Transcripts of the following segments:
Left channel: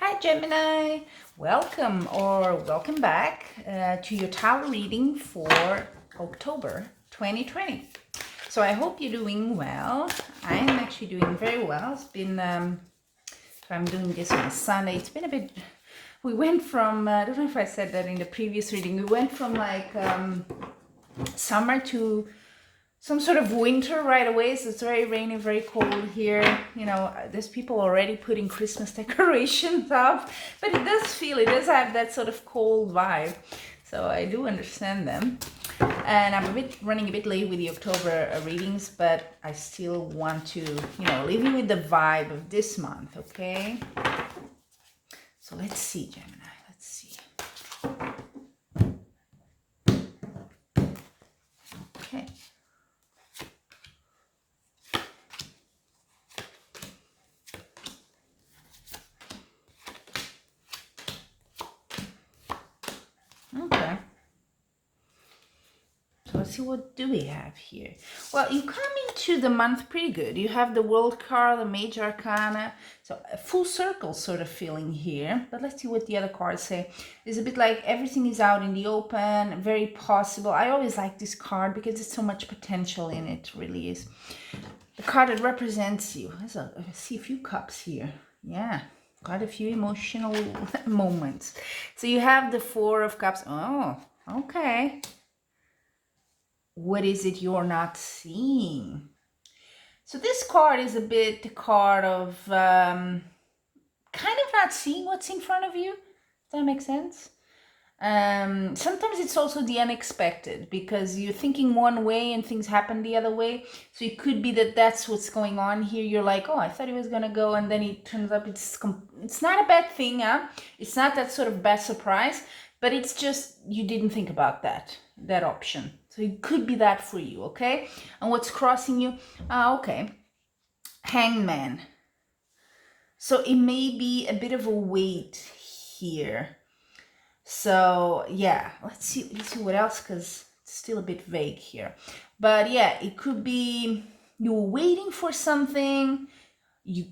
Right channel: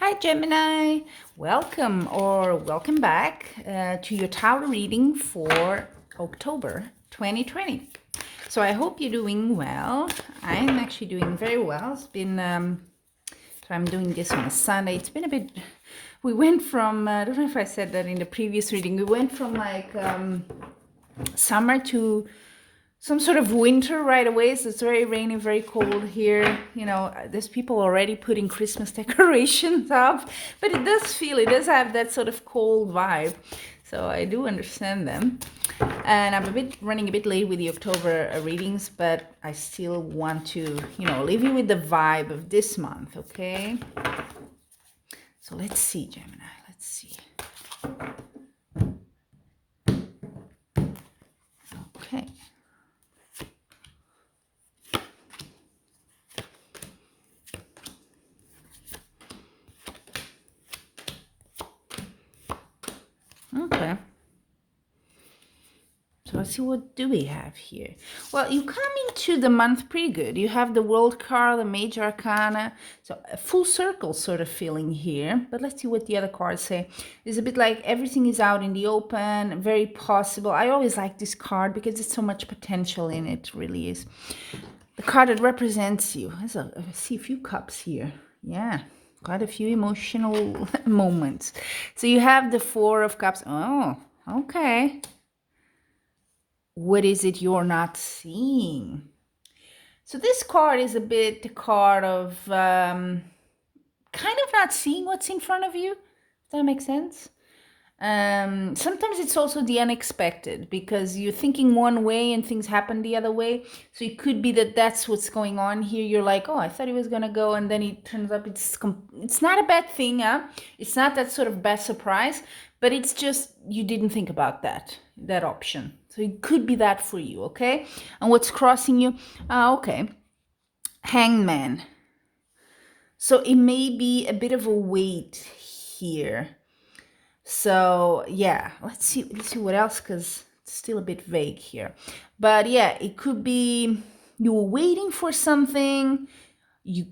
Hi Gemini, welcome back to your tarot reading for October 2020. So I hope you're doing well. I'm actually doing very well. It's been, so I'm doing this on a Sunday. It's been a bit, we went from, I don't know if I said that in the previous reading, we went from like summer to some sort of winter right away. So it's very rainy, very cold here. You know, there's people already putting Christmas decorations up, but it does have that sort of cold vibe. So I do understand them. And I'm running a bit late with the October readings, but I still want to, leave you with the vibe of this month, okay? So let's see, Gemini, let's see. Okay. Okay. So let's see, what do we have here? Well, you come into the month pretty good. You have the World card, the Major Arcana. So a full circle sort of feeling here. But let's see what the other cards say. It's a bit like everything is out in the open, very possible. I always like this card because there's so much potential in it, really is. The card that represents you. I see a few cups here. Yeah, quite a few emotional moments. So you have the Four of Cups. Oh, okay. What is it you're not seeing? So this card is a bit the card of kind of not seeing what's in front of you. Does that make sense? Sometimes it's also the unexpected because you're thinking one way and things happen the other way. So it could be that that's what's going on here. You're like, oh, I thought he was gonna go, and then it turns up it's not a bad thing, huh? It's not that sort of bad surprise, but it's just you didn't think about that option. So it could be that for you, okay? And what's crossing you? Okay, Hangman. So it may be a bit of a weight here. So yeah, let's see what else, because it's still a bit vague here. But yeah, it could be you were waiting for something. You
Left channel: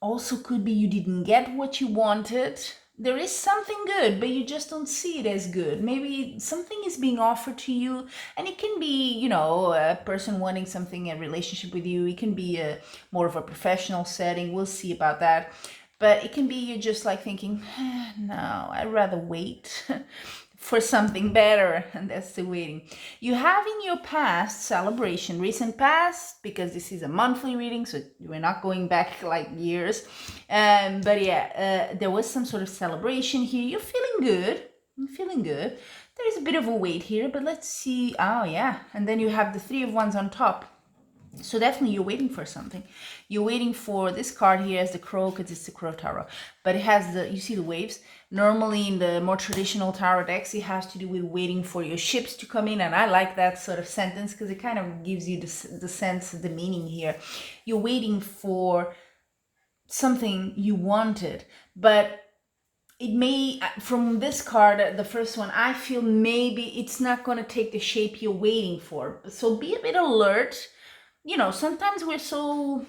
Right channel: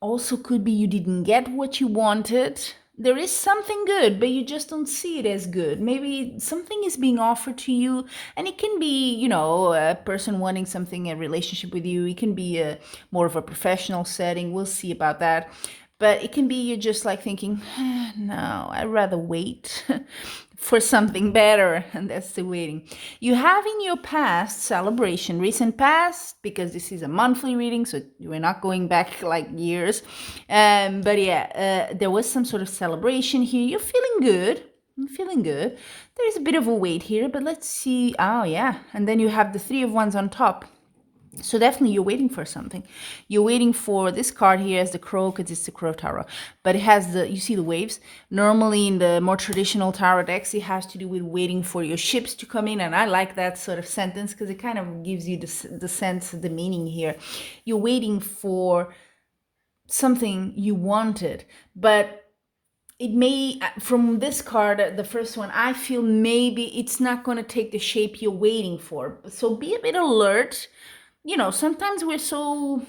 also could be you didn't get what you wanted. There is something good, but you just don't see it as good. Maybe something is being offered to you, and it can be, a person wanting something, a relationship with you. It can be more of a professional setting. We'll see about that. But it can be you just like thinking, no, I'd rather wait for something better, and that's the waiting. You have in your past celebration, recent past, because this is a monthly reading, so we're not going back like years. But yeah, there was some sort of celebration here. You're feeling good. I'm feeling good. There's a bit of a weight here, but let's see. Oh yeah, and then you have the Three of Wands on top. So definitely you're waiting for something. You're waiting for this card here as the Crow, because it's the Crow Tarot. But it has you see the waves. Normally in the more traditional tarot decks, it has to do with waiting for your ships to come in. And I like that sort of sentence because it kind of gives you the sense, the meaning here. You're waiting for something you wanted. But it may, from this card, the first one, I feel maybe it's not going to take the shape you're waiting for. So be a bit alert. Sometimes we're so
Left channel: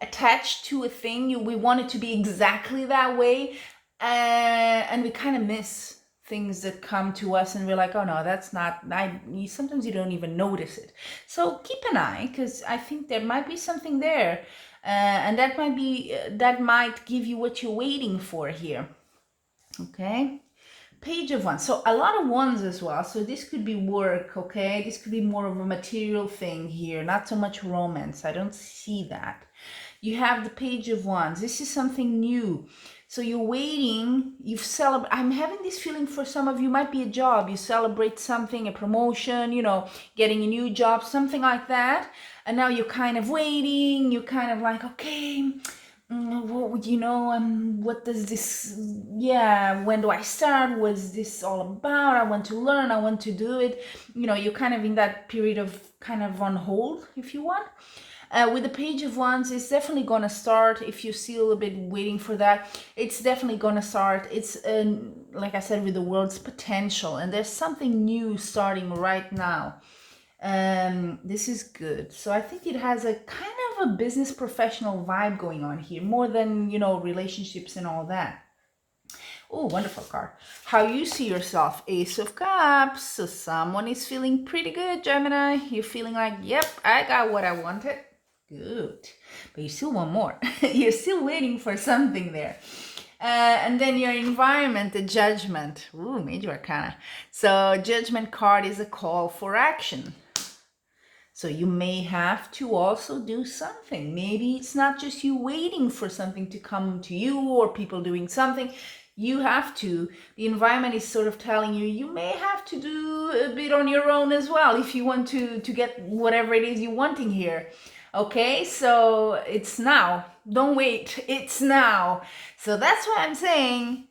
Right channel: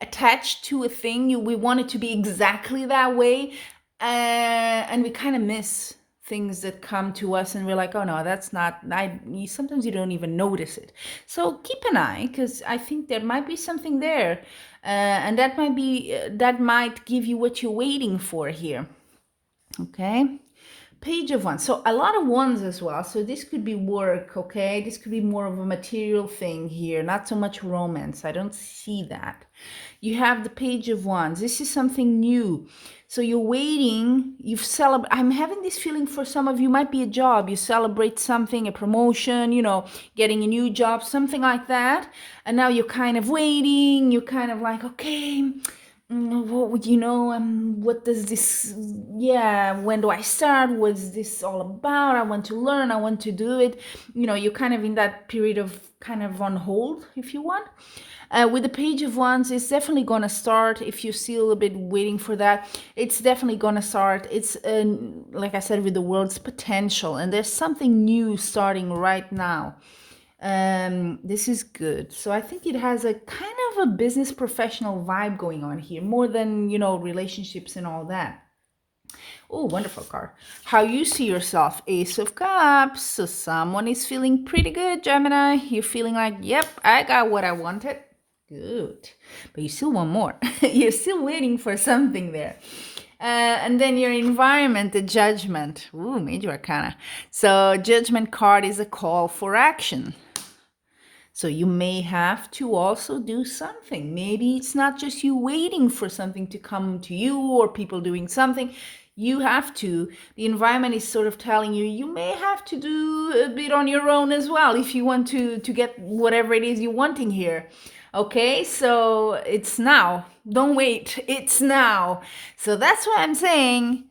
attached to a thing, we want it to be exactly that way, and we kind of miss things that come to us, and we're like, oh no, that's not. Sometimes you don't even notice it. So keep an eye, because I think there might be something there, and that might give you what you're waiting for here. Okay. Page of Wands. So a lot of wands as well. So this could be work, okay? This could be more of a material thing here, not so much romance. I don't see that. You have the Page of Wands. This is something new. So you're waiting, I'm having this feeling for some of you might be a job. You celebrate something, a promotion, getting a new job, something like that. And now you're kind of waiting. You're kind of like, okay, what does this, when do I start? What's this all about? I want to learn, I want to do it. You're kind of in that period of kind of on hold, if you want. With the Page of Wands, it's definitely going to start. If you're still a bit waiting for that, it's definitely going to start. It's, like I said, with the world's potential, and there's something new starting right now. This is good. So I think it has a kind of a business professional vibe going on here, more than, relationships and all that. Oh, wonderful card. How you see yourself, Ace of Cups. So someone is feeling pretty good, Gemini. You're feeling like, yep, I got what I wanted. Good. But you still want more. You're still waiting for something there. And then your environment, the Judgment. Ooh, Major Arcana. So Judgment card is a call for action. So you may have to also do something. Maybe it's not just you waiting for something to come to you or people doing something. You have to. The environment is sort of telling you, you may have to do a bit on your own as well if you want to get whatever it is you're wanting here. Okay, so it's now. Don't wait. It's now. So that's what I'm saying.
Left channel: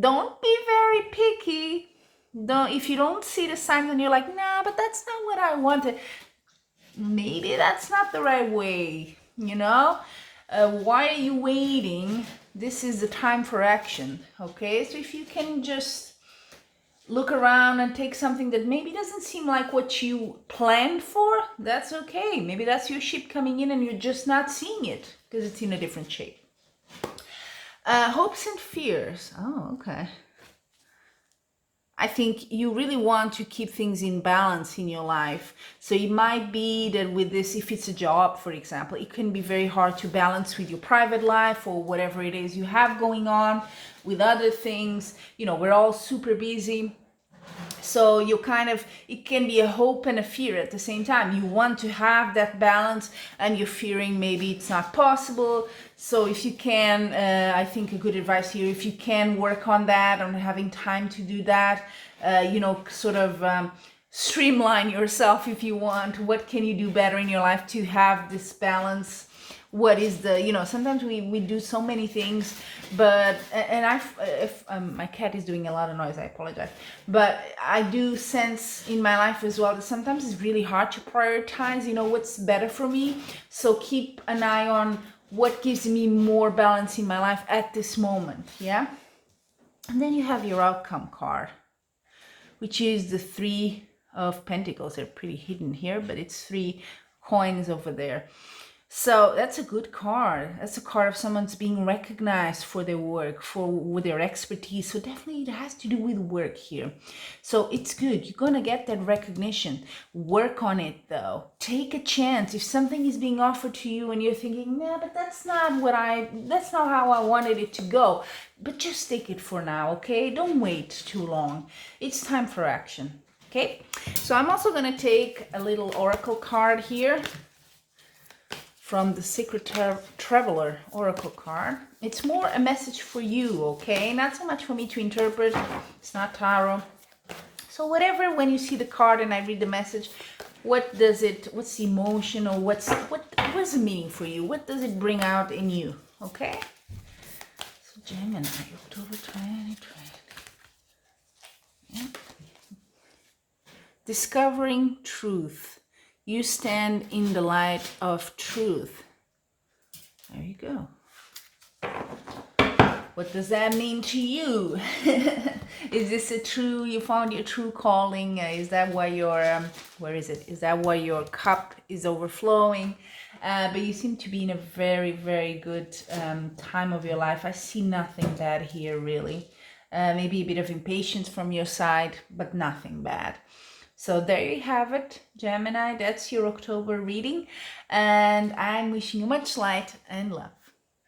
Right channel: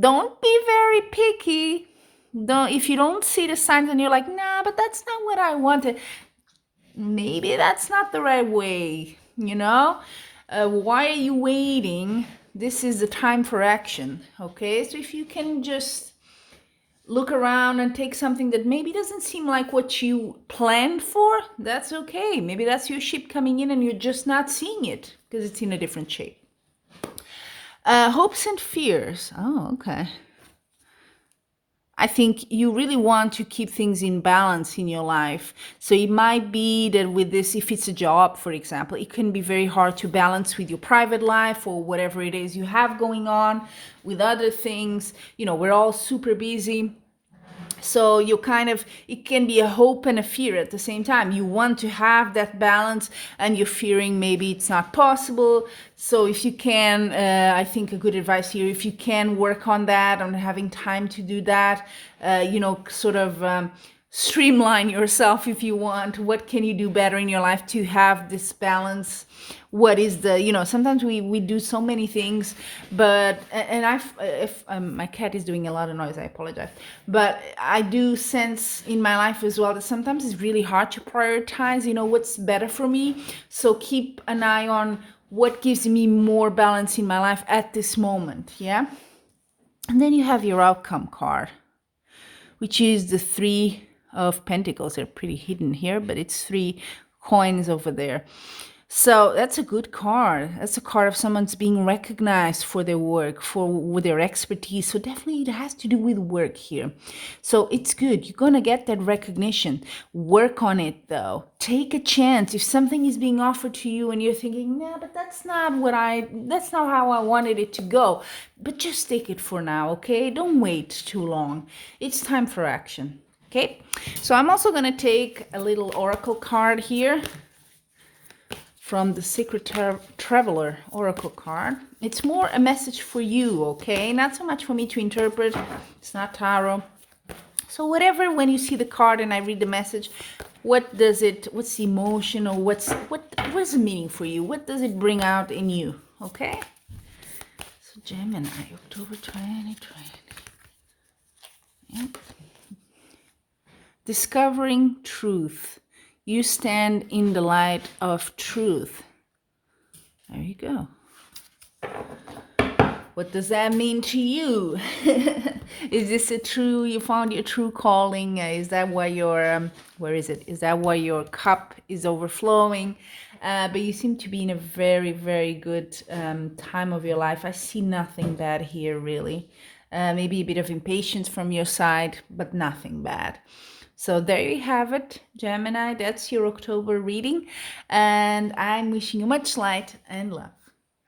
Don't be very picky. Don't, if you don't see the signs and you're like, nah, but that's not what I wanted. Maybe that's not the right way, why are you waiting? This is the time for action. Okay, so if you can just look around and take something that maybe doesn't seem like what you planned for, that's okay. Maybe that's your ship coming in and you're just not seeing it because it's in a different shape. Hopes and fears. Oh, okay. I think you really want to keep things in balance in your life. So it might be that with this, if it's a job, for example, it can be very hard to balance with your private life or whatever it is you have going on with other things. We're all super busy. So it can be a hope and a fear at the same time. You want to have that balance and you're fearing maybe it's not possible. So if you can, I think a good advice here, if you can work on that, on having time to do that, streamline yourself if you want. What can you do better in your life to have this balance? What is sometimes we do so many things, but, and if my cat is doing a lot of noise, I apologize, but I do sense in my life as well that sometimes it's really hard to prioritize, what's better for me. So keep an eye on what gives me more balance in my life at this moment. Yeah. And then you have your outcome card, which is the 3 of Pentacles. They're pretty hidden here, but it's 3 coins over there. So that's a good card. That's a card of someone's being recognized for their work, with their expertise. So definitely it has to do with work here. So it's good. You're going to get that recognition. Work on it though. Take a chance. If something is being offered to you and you're thinking, nah, but that's not how I wanted it to go. But just take it for now, okay? Don't wait too long. It's time for action. Okay? So I'm also going to take a little oracle card here from the Secret Traveler Oracle card. It's more a message for you, okay? Not so much for me to interpret. It's not tarot. So whatever, when you see the card and I read the message, what's the emotion, or what's the meaning for you? What does it bring out in you, okay? So Gemini, October 2020. Yep. Discovering truth. You stand in the light of truth. There you go. What does that mean to you? Is this you found your true calling? Is that why where is it? Is that why your cup is overflowing? But you seem to be in a very, very good time of your life. I see nothing bad here, really. Maybe a bit of impatience from your side, but nothing bad. So there you have it, Gemini. That's your October reading. And I'm wishing you much light and love.